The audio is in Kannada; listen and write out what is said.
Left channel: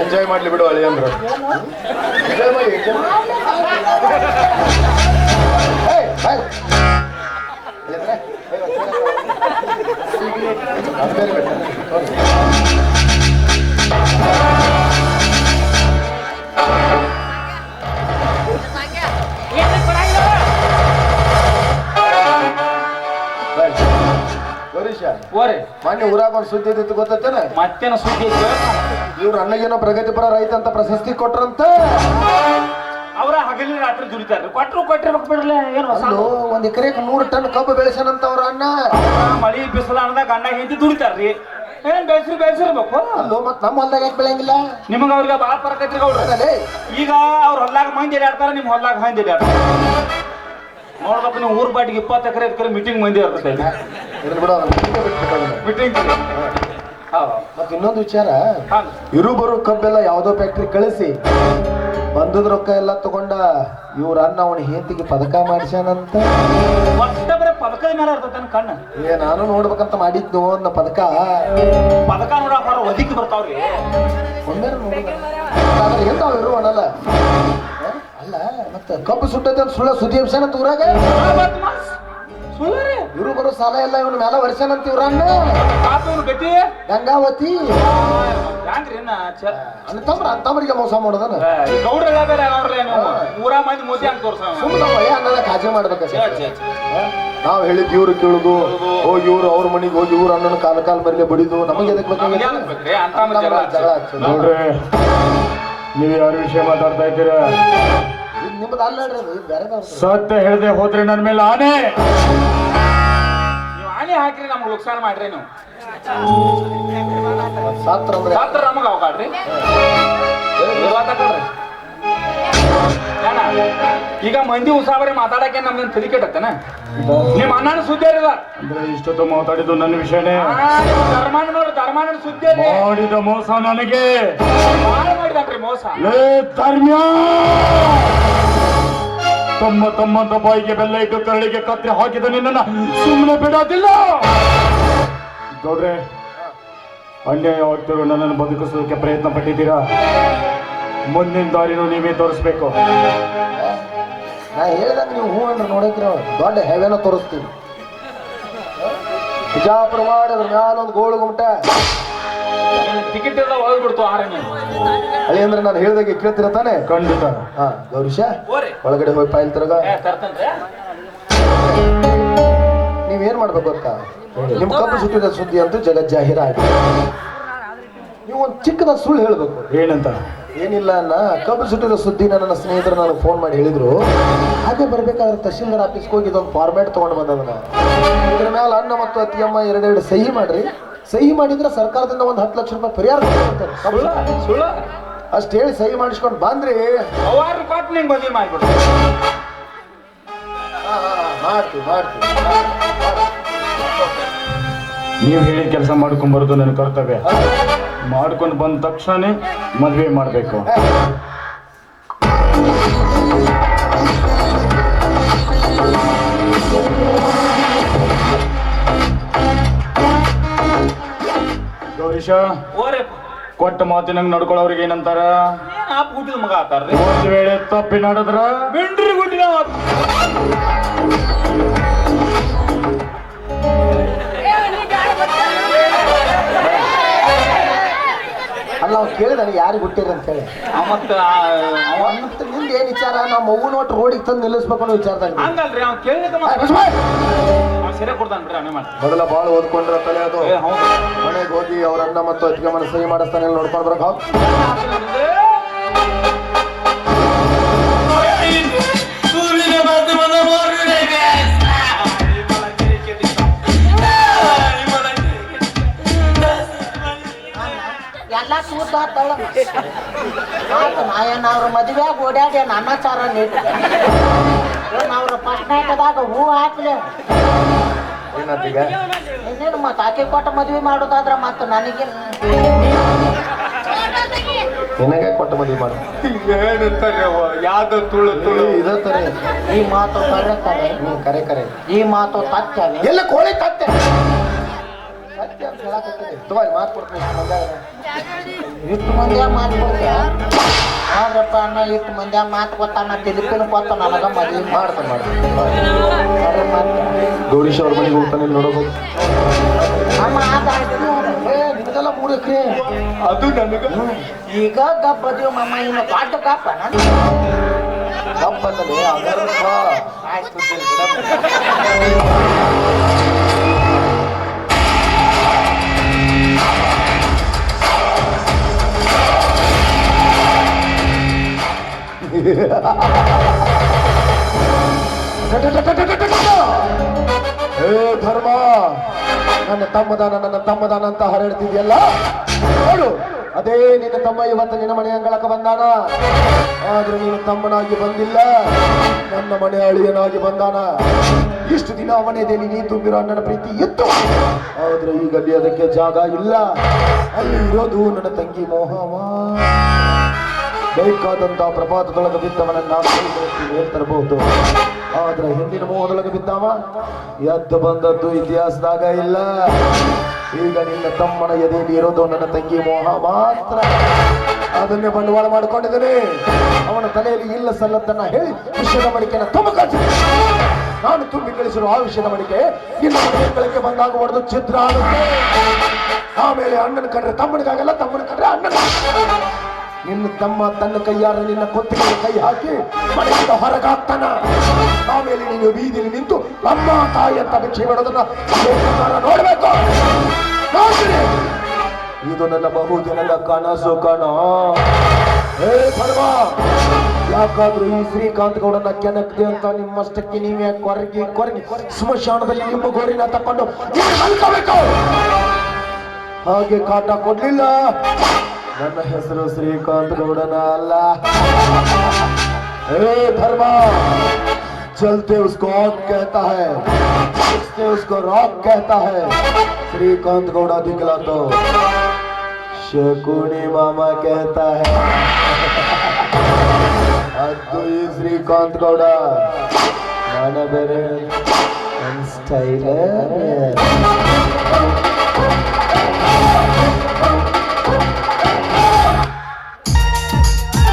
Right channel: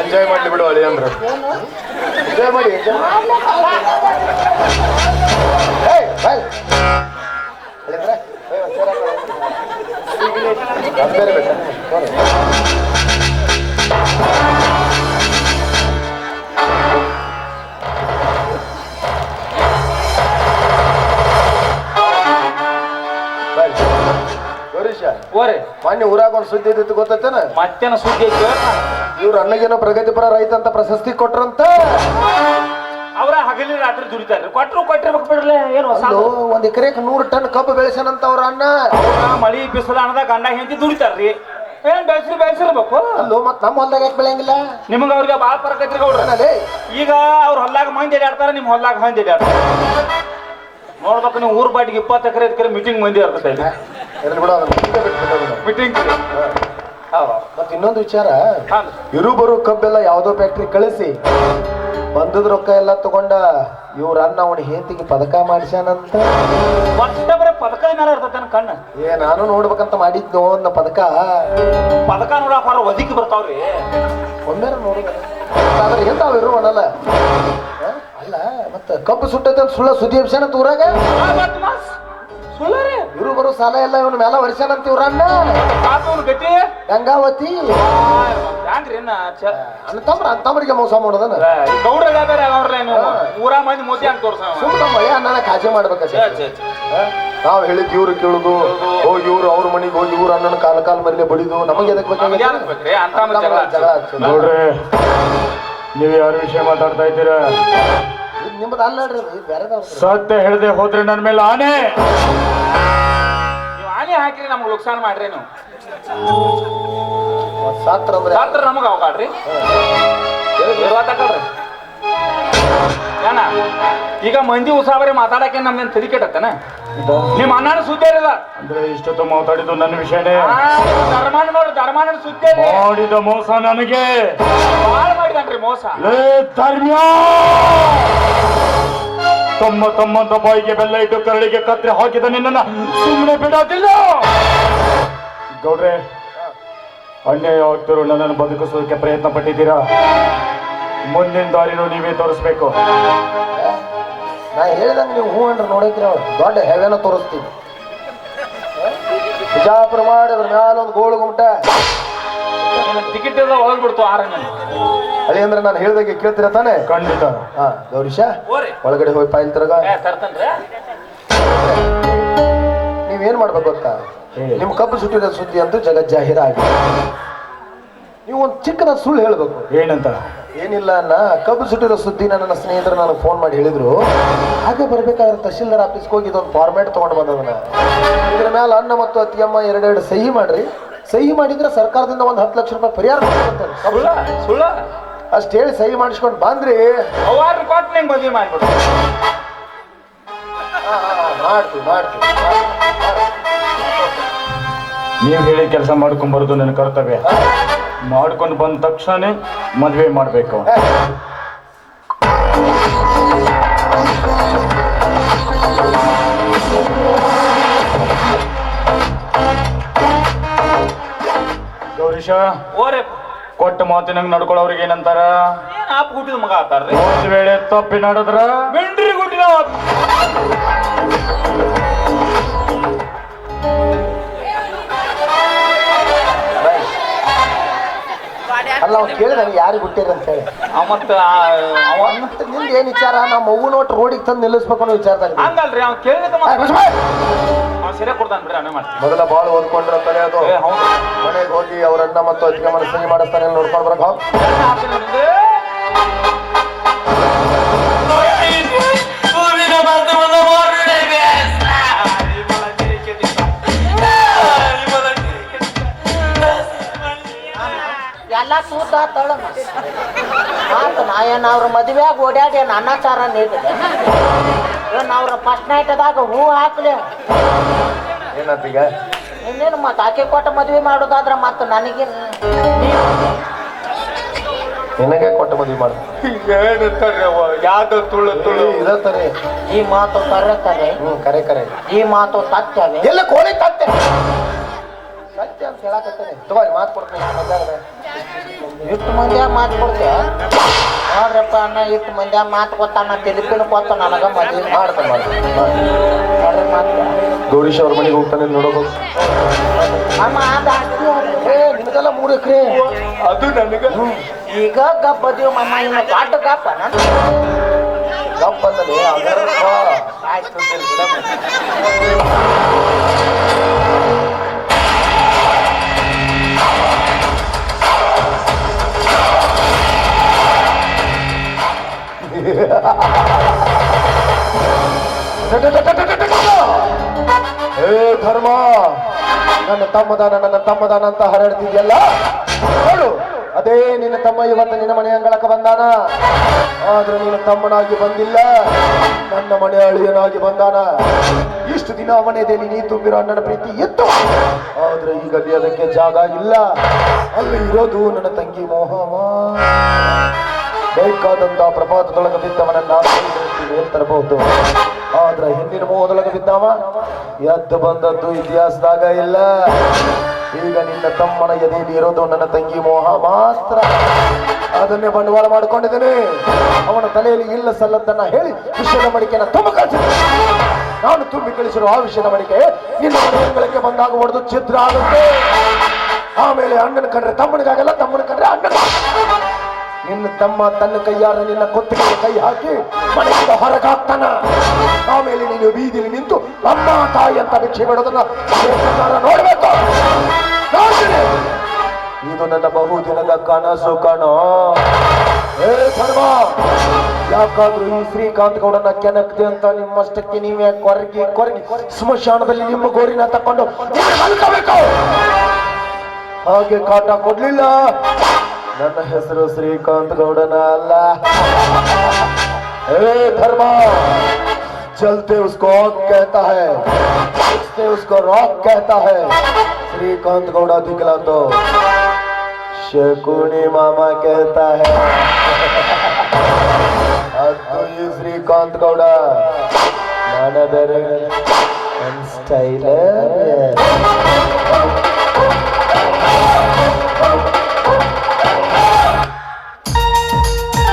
ಎಂಜಾಯ್ ಮಾಡ್ಲಿ ಬಿಡು ಅಳಿ ಅಂದ್ರು. ಎಂಜಾಯ್ ಮಾಡಿ ಮೊನ್ನೆ ಊರಾಗ ಒಂದು ಸುದ್ದಿ ಇದ್ದಿತ್ತು ಗೊತ್ತೇನ ಮತ್ತೇನ ಸುದ್ದಿ ಐತಿ? ಇವ್ರ ಅಣ್ಣಗೇನೋ ಪ್ರಗತಿಪರ ರೈತ ಅಂತ ಪ್ರಶಸ್ತಿ ಕೊಟ್ರಂತ. ಅವರ ಹಗಲಿ ರಾತ್ರಿ ದುಡಿತಾರ ಕೊಟ್ರು ಕೊಟ್ಟಿರ್ಬೇಕು ಬಿಡ್ಲೆ ಏನು ಹೊಸ ಅಲ್ಲೋ ಒಂದ್ ಎಕರೆಗೆ ನೂರು ಟನ್ ಕಬ್ಬು ಬೆಳೆಸನಂತ ಅವ್ರ ಅಣ್ಣ. ಅವ್ರ ಮಳಿ ಬಿಸಿಲ ಅನ್ನದ ಗಂಡ ಹೆಂಡತಿ ದುಡಿತಾರ್ರಿ. ಏನ್ ಬೆಳೆಸಿ ಬೆಳೆಸಿರ್ಬೇಕು? ಅಲ್ಲೋ ಮತ್ ನಮ್ಮ ಹೊಲ್ದಾಗ ಯಾಕೆ ಬೆಳೆಯಂಗಿಲ್ಲ? ನಿಮ್ಗೆ ಅವ್ರಿಗೆ ಬಾಳ ಫರಕ್ ಐತ್ರಿ ಗೌಡ್ರ ಈಗ ಅವ್ರ ಹೊಲ್ದಾಗ ಮಂದಿ ಆಡ್ತಾರ ನಿಮ್ ಹೊಲ್ದಾಗ ಮಂದಿ ಅಡ್ಯಾಡ್ತಾರ ನೋಡ್ಬೇಕು ನೀವು ಊರ್ ಬಾಟಿಗೆ ಇಪ್ಪತ್ತು ಎಕರೆ ಎಕರೆ ಮೀಟಿಂಗ್ ಮಂದಿ ಇರ್ತದೆ ಬಿಡು. ಮೀಟಿಂಗ್ ಮತ್ತೆ ಇನ್ನೊಂದು ವಿಚಾರ ಇರು ಬರೋ ಕಬ್ಬೆಲ್ಲ ಯಾವುದೋ ಫ್ಯಾಕ್ಟ್ರಿ ಕಳಿಸಿ ಬಂದದ ರೊಕ್ಕ ಎಲ್ಲ ತಗೊಂಡ ಇವ್ರ ಅನ್ನ ಅವನ ಹೆಂಡತಿಗೆ ಪದಕ ಮಾಡಿಸ್ಯಾನಂತ. ಒಟ್ಟ ಬರೀ ಪದಕ ಮೇಲೆ ಇರ್ತೈತೆ ಕಣ್ಣು. ಏ ನಾನು ನೋಡ್ಬೇಕಂತ ಮಾಡಿದ್ನೋ ಅನ್ನ ಪದಕ. ಪದಕ ನೋಡಕ್ ಹೊರ ಬರ್ತಾವ್ರಿ. ಒಮ್ಮೆ ನೋಡಿ. ಎಂತಾವ್ ಇರು ಕಬ್ಬು ಸುಟ್ಟೈತೆ ಅಂತ ಸುಳ್ಳ ಸುದ್ದಿ ಎಬ್ಸ್ಯಾನಂತ ತೂರಾಗ ಇವರು ಇರು ಬರೋ ಸಾಲ ಎಲ್ಲ ಇವನ ಮೇಲೆ ವರ್ಷನ ಅಂತೀವ್ರ ಅಣ್ಣ ಗಂಗಾವತಿ ತಮ್ರ ತಮ್ಮರಿಗೆ ಮೋಸ ಮಾಡೋದನ? ಮಂದಿ ಮೋದಿ ಅಂತ ತೋರ್ಸ ಸುಮ್ಮನೆ ಅಣ್ಣನ ಕಾಜೆ ಮಾಡ್ಬೇಕ ನಾವ್ ಹೇಳಿದ್ ಇವ್ರು ಕೇಳುದು ಹೋಗಿ ಇವ್ರು ಅವ್ರ ಮನೆಗೆ ಹೋಗಿ ಇವ್ರು ಅಣ್ಣನ ಕಾಲ ಕಾಲ ಮರಿಲೆ ಬಡಿದು ನಮಗೆ ಎದಕ್ಕೆ. ನೋಡ್ರಿ ನೀವು ಯಾರ ವಿಷಯ ಮಾತಾಡ್ತಾ ಇದ್ದೀರಾ? ಇದು ನಿಮ್ಮದು ಅಲ್ಲ ಇದು ಬೇರೆದವ್ರ್ದು. ಸತ್ಯ ಹೇಳದೆ ಹೋದ್ರೆ ನನ್ನ ಮೇಲೆ ಆನೆ. ನೀವು ಆನೆ ಹಾಕಿರಿ ನಮ್ಗೆ ನುಕ್ಸಾನ ಮಾಡ್ರಿ ನೀವು. ಸಾತ್ರ ಸಾತ್ರ ನಮಗ ಅವಕಾಡ್ರಿ ಏನ? ಈಗ ಮಂದಿ ಉಸಾಬರಿ ಮಾತಾಡಕ್ಕೆ ನಮ್ಗೇನ್ ತಲೆ ಕೆಟ್ಟತ್ತನ? ನಿಮ್ಮ ಅಣ್ಣನ ಸುದ್ದಿ ಇರಲ್ಲ ಅಂದ್ರೆ ಇಷ್ಟೊತ್ತು ಮಾತಾಡಿದ್ದು ನನ್ನ ವಿಷಯನೇ. ಧರ್ಮಾನ ನೋಡಿ ಧರ್ಮಾನ ಸುದ್ದಿ ಮಾಡಿದ ಮೋಸ ನನಗೆ. ಬಾಳ ಮಾಡಿದನ್ರಿ ಮೋಸ. ತಮ್ಮ ತಮ್ಮಂತ ಬಾಯಿಗೆ ಬೆಲ್ಲ ಇಟ್ಟು ಕರಳಿಗೆ ಕತ್ರಿ ಹಾಕಿದ ನಿನ್ನ ಸುಮ್ಮನೆ ಬಿಡೋದಿಲ್ಲ. ಗೌಡ್ರೆ ಅನ್ಯಾಯ ಆಗ್ತಿರೋ ನನ್ನನ್ನು ಬದುಕಿಸೋದಕ್ಕೆ ಪ್ರಯತ್ನ ಪಟ್ಟಿದ್ದೀರಾ? ಮುಂದಿನ ದಾರಿನೂ ನೀವೇ ತೋರಿಸ್ಬೇಕು. ನಾ ಹೇಳಿದ್ರೆ ನೀವು ಹೂ ಅಂದ್ರೆ ಅವ್ರು ದೊಡ್ಡ ಹೆವೆನ ತೋರಿಸ್ತೀವಿ. ಬಿಜಾಪುರ ಮಾಡಿ ಅದ್ರ ಮ್ಯಾಲ ಒಂದು ಗೋಳು ಗುಮಟ ಟಿಕೆಟ್ ಎಲ್ಲ ಆರಂಗ ಅಲ್ಲಿ ಅಂದ್ರೆ ನಾನು ಹೇಳ್ದಾಗೆ ಕೇಳ್ತೀರ ತಾನೆ? ಖಂಡಿತ. ಹಾ ಗೌರೀಶ ಒಳಗಡೆ ಹೋಗಿ ಪಾಯಿಲ್ ತಿರ್ಗ. ನೀವೇನ್ ಮಾಡ್ಬೇಕು ಗೊತ್ತಾ? ನಿಮ್ ಕಬ್ಬು ಸುಟ್ಟಿದ ಸುದ್ದಿ ಅಂತೂ ಜಗಜ್ಜಾಹಿರ ಜಾಹೀರ ಆಗಿದೆ ನೀವು ಒಂದು ಚಿಕ್ಕದ ಸುಳ್ಳು ಹೇಳ್ಬೇಕು. ಏನಂತ? ಏನಿಲ್ಲ ಅನ್ನ ಕಬ್ಬು ಸುಟ್ಟಿರೋ ಸುದ್ದಿ ನನ್ನ ಸ್ನೇಹಿತರು ನನಗೆ ಫೋನ್ ಮಾಡಿ ಹೇಳಿದ್ರು. ಹಾಗೆ ಬರ್ಬೇಕಾದ್ರೆ ತಹಶೀಲ್ದಾರ್ ಆಫೀಸ್ಗೆ ಹೋಗಿ ಇದೊಂದು ಫಾರ್ಮ್ಯಾಟ್ ತಗೊಂಡು ಬಂದದನ್ನ ಇದ್ರ ಮೇಲೆ ಅನ್ನ ಮತ್ತು ಅತ್ತಿಯಮ್ಮ ಎರಡೆರಡು ಸಹಿ ಮಾಡ್ರಿ. ಸಹಿ ಮಾಡಿದ್ರೆ ಸರ್ಕಾರದಿಂದ ಒಂದು ಹತ್ತು ಲಕ್ಷ ರೂಪಾಯಿ ಪರಿಹಾರ ಕೊಡ್ತಾರೆ. ಸುಳ್ಳ ಸುಳ್ಳ. ಅಷ್ಟ್ ಹೇಳಿ ಸಹಿ ಮಾಡಿಸ್ಕೊಂಡು ಬಂದ್ರಿ. ಅವಾರ ಕೊಟ್ಟು ನಿಂಗೆ ಮದುವೆ ಮಾಡ್ಬಿಡು. ಆ, ಆ, ಆ, ಮಾಡ್ತೀವಿ ಮಾಡ್ತೀವಿ. ನೀವು ಹೇಳಿ ಕೆಲಸ ಮಾಡ್ಕೊಂಬರೋದು ನನ್ನ ಕರ್ತವ್ಯ. ಮಾಡ್ಕೊಂಡು ಬಂದ ತಕ್ಷಣ ಮದುವೆ ಮಾಡಬೇಕು. ಗೌರೀಶ ಓರೆ. ಕೊಟ್ಟ ಮಾತಿನಂಗ್ ನಡ್ಕೊಳ್ಳೋರಿಗೆ ಏನಂತಾರ? ಏನ್ ಆಪ್ ಹುಟ್ಟಿದ ಮಗ ಆತಾರ್ರಿ? ಒಂದ್ ವೇಳೆ ತಪ್ಪಿ ನಡೆದ್ರ? ಬೆಂಡ್ರಿ ಗುಡ್ಡಿನ ಅಲ್ಲ ಯಾರು ಬಿಟ್ಟಿರಂತೇಳಿ ಮತ್ತ ಮತ್ತೆ ಏನ್ ವಿಚಾರ? ನಮ್ಮ ಮಗು ನೋಟ್ ರೋಡಿಗೆ ತಂದು ನಿಲ್ಲಿಸ್ಬೇಕು ಅನ್ನೋ ವಿಚಾರ ಹಂಗಲ್ರಿ ಅವ್ನು ಕೇಳಿದ ಏ, ಬಿಸ್ಮಾ! ಸೀರೆ ಕೊಡ್ತಾನೆ ಬಿಡ್ರಿ ಅವನೇ ಮಾಡ್ತೀನಿ. ಮೊದಲ ಬಾಳ್ ಓದ್ಕೊಂಡ್ರ ತಲೆ ಅದು. ಏ ಹೌದು. ಮನೆಗೆ ಹೋಗಿ ಅವರನ್ನ ಮತ್ತು ಅತ್ತಿಗೆ ಮನಸ್ಸಿಗೆ ಮಾಡಿಸ್ತಾನೆ ನೋಡ್ಕೊಂಡು ಬರಕ್ ಹೋಗ್. ಎಲ್ಲ ಸೂದ ತಳ ಆತು ನಾ ಏನ್ ಅವ್ರ ಮದುವೆಯಾಗ ಓಡ್ಯಾಡಿ ಏನು ಅನ್ನಾಚಾರ ನೀಡ ಅವ್ರ ಫಸ್ಟ್ ನೈಟ್ದಾಗ ಹೂ ಹಾಕ್ಲೆ? ಏನಂತೀಗ? ಇನ್ನೇನು ಮತ್ತೆ ಆಕೆ ಕೊಟ್ಟ ಮದುವೆ ಮಾಡೋದಾದ್ರ ಮತ್ತೆ ನನಗೆ ನಿನಗೆ ಕೊಟ್ಟು ಮದುವೆ ಮಾಡು. ಏನಂತಾರೆ ಯಾವ್ದು ತುಳು ತುಳು? ಇದ ತರಿ ಈ ಮಾತು ಕರೆ ಕರೆ. ಕರೆ ಕರೆ. ಈ ಮಾತು ತತ್ತವೆ ಎಲ್ಲ ಕೋಳಿ ತತ್ತೆ. ಸತ್ಯ ಅಂತ ಹೇಳಕತ್ತೇನೆ ತಗೋರಿ ಮಾತು ಕೊಡ್ತೀನಿ. ಇಷ್ಟು ಮಂದ್ಯಾಗ ಮಾತು ಕೊಡ್ತೀಯ? ನೋಡ್ರಪ್ಪ ಅಣ್ಣ ಇಷ್ಟು ಮಂದ್ಯಾಗ ಮಾತು ಕೊತ್ತಾನ ತಿರುಪಿನ ಕೊತ್ತ ನನಗ ಮದ್ವೆ ಮಾಡ್ತಾನೆ ಗೌರೀಶ್ ಅವ್ರ ಮನೆಗೆ ಹೋಗ್ತಾನೆ ನೋಡಬಹುದು ಅಮ್ಮ ನಿಮಗೆಲ್ಲ ಮೂರು ಎಕರೆ. ಅದು ನನಗೆ. ಈಗ ಗಪ್ಪ ಅದೀವಿ ಮಮ್ಮ ಇನ್ನು ದೊಡ್ಡ ಗಪ್ಪ ಗಪ್ಪ ಆಯ್ತು ಹೇ ಧರ್ಮ, ನನ್ನ ತಮ್ಮದಾನ ನನ್ನ ತಮ್ಮದಾನ ಅಂತ ಹರಡ್ತಿದ್ಯಲ್ಲ? ನೋಡು ಅದೇ ನಿನ್ನ ತಮ್ಮ ಇವತ್ತು ನಿನ್ನ ಮನೆ ಅಂಗಳಕ್ಕೆ ಬಂದಾನ. ಆದ್ರೆ ನಿನ್ನ ತಮ್ಮನಾಗಿ ಬಂದಿಲ್ಲ. ನನ್ನ ಮನೆ ಅಳಿಯನಾಗಿ ಬಂದಾನ. ಇಷ್ಟು ದಿನ ಅವನೇದೇನಿ ನೀ ತುಂಬಿರೋ ಅಣ್ಣನ ಪ್ರೀತಿ ಇತ್ತು ಆದ್ರೆ ಈಗ ಅಲ್ಲಿ ಅದಕ್ಕೆ ಜಾಗ ಇಲ್ಲ. ಅಲ್ಲಿ ಇರೋದು ನನ್ನ ತಂಗಿ ಮೋಹವ. ಬೇಕಾದಂತ ಪ್ರಪಾತದೊಳಗೆ ಬಿದ್ದವನನ್ನ ತರಬಹುದು ಆದ್ರೆ ಹಿಂದಿನ ಮೋಹದೊಳಗೆ ಬಿದ್ದವ? ಎದ್ದು ಬಂದದ್ದು ಇತಿಹಾಸದಾಗ ಇಲ್ಲ. ಈಗ ನಿನ್ನ ತಮ್ಮನ ಎದೆಯಲ್ಲಿ ಇರೋದು ನನ್ನ ತಂಗಿ ಮೋಹ ಮಾತ್ರ. ಅದನ್ನೇ ಬಂಡವಾಳ ಮಾಡಿಕೊಂಡಿದ್ದೇನೆ. ಅವನ ತಲೆಯಲ್ಲಿ ಇಲ್ಲ ಸಲ್ಲದನ್ನ ಹೇಳಿ ವಿಷಯದ ಮಡಿಕೆನ ತುಂಬ ನಾನು ತುಂಬಿ ಕಳಿಸಿರುವ ಆ ವಿಷಯದ ಮಡಿಕೆ ನಿನ್ನ ಬಂದಾಗ ಹೊಡೆದು ಚಿತ್ರ ಆಗುತ್ತೆ. ಆಮೇಲೆ ಅಣ್ಣನ ಕಂಡ್ರೆ ತಮ್ಮನಿಗಾಗಲ್ಲ, ತಮ್ಮನ ಕಂಡ್ರೆ ಅಣ್ಣನ. ನಿನ್ನ ತಮ್ಮ ತನ್ನ ಕೈಯಾರ ನಿನ್ನ ಕೊತ್ತಿಗೆ ಕೈ ಹಾಕಿ ಮನೆಯಿಂದ ಹೊರಗಾಗ್ತಾನ. ಆಮೇಲೆ ನೀನು ಬೀದಿಲಿ ನಿಂತು ಅಮ್ಮ, ತಾಯಿ ಅಂತ ಭಿಕ್ಷೆ ಮಾಡೋದನ್ನ ನೋಡ್ಬೇಕು. ಇದು ನನ್ನ ಬಹುದಿನದ ಕನಸು ಕಣ. ಯಾಕಾದ್ರೂ ಈ ಶ್ರೀಕಾಂತ್ ಗೌಡನ ಕೆನಕ್ತಿ ಅಂತ ನಿಮ್ಮಷ್ಟಕ್ಕೆ ನೀವೇ ಕೊರಗಿ ಕೊರಗಿ, ಸ್ಮಶಾನದಲ್ಲಿ ನಿಮ್ಮ ಗೋರಿನ ತಕೊಂಡು ಹಾಗೆ ಕಾಟ ಕೊಡ್ಲಿಲ್ಲ. ನನ್ನ ಹೆಸರು ಶ್ರೀಕಾಂತ್ ಗೌಡನ ಅಲ್ಲ ए धर्मा चलते उसको ऑक कहता है उठते उसको रॉक कहता है श्रीकांत गौड़ा दिखला तो शकुनी मामा कहता है ಅದು ಈ ಶ್ರೀಕಾಂತ್ ಗೌಡ ನಾನು ಬೇರೆ ನನ್ನ ಸ್ಟೈಲ್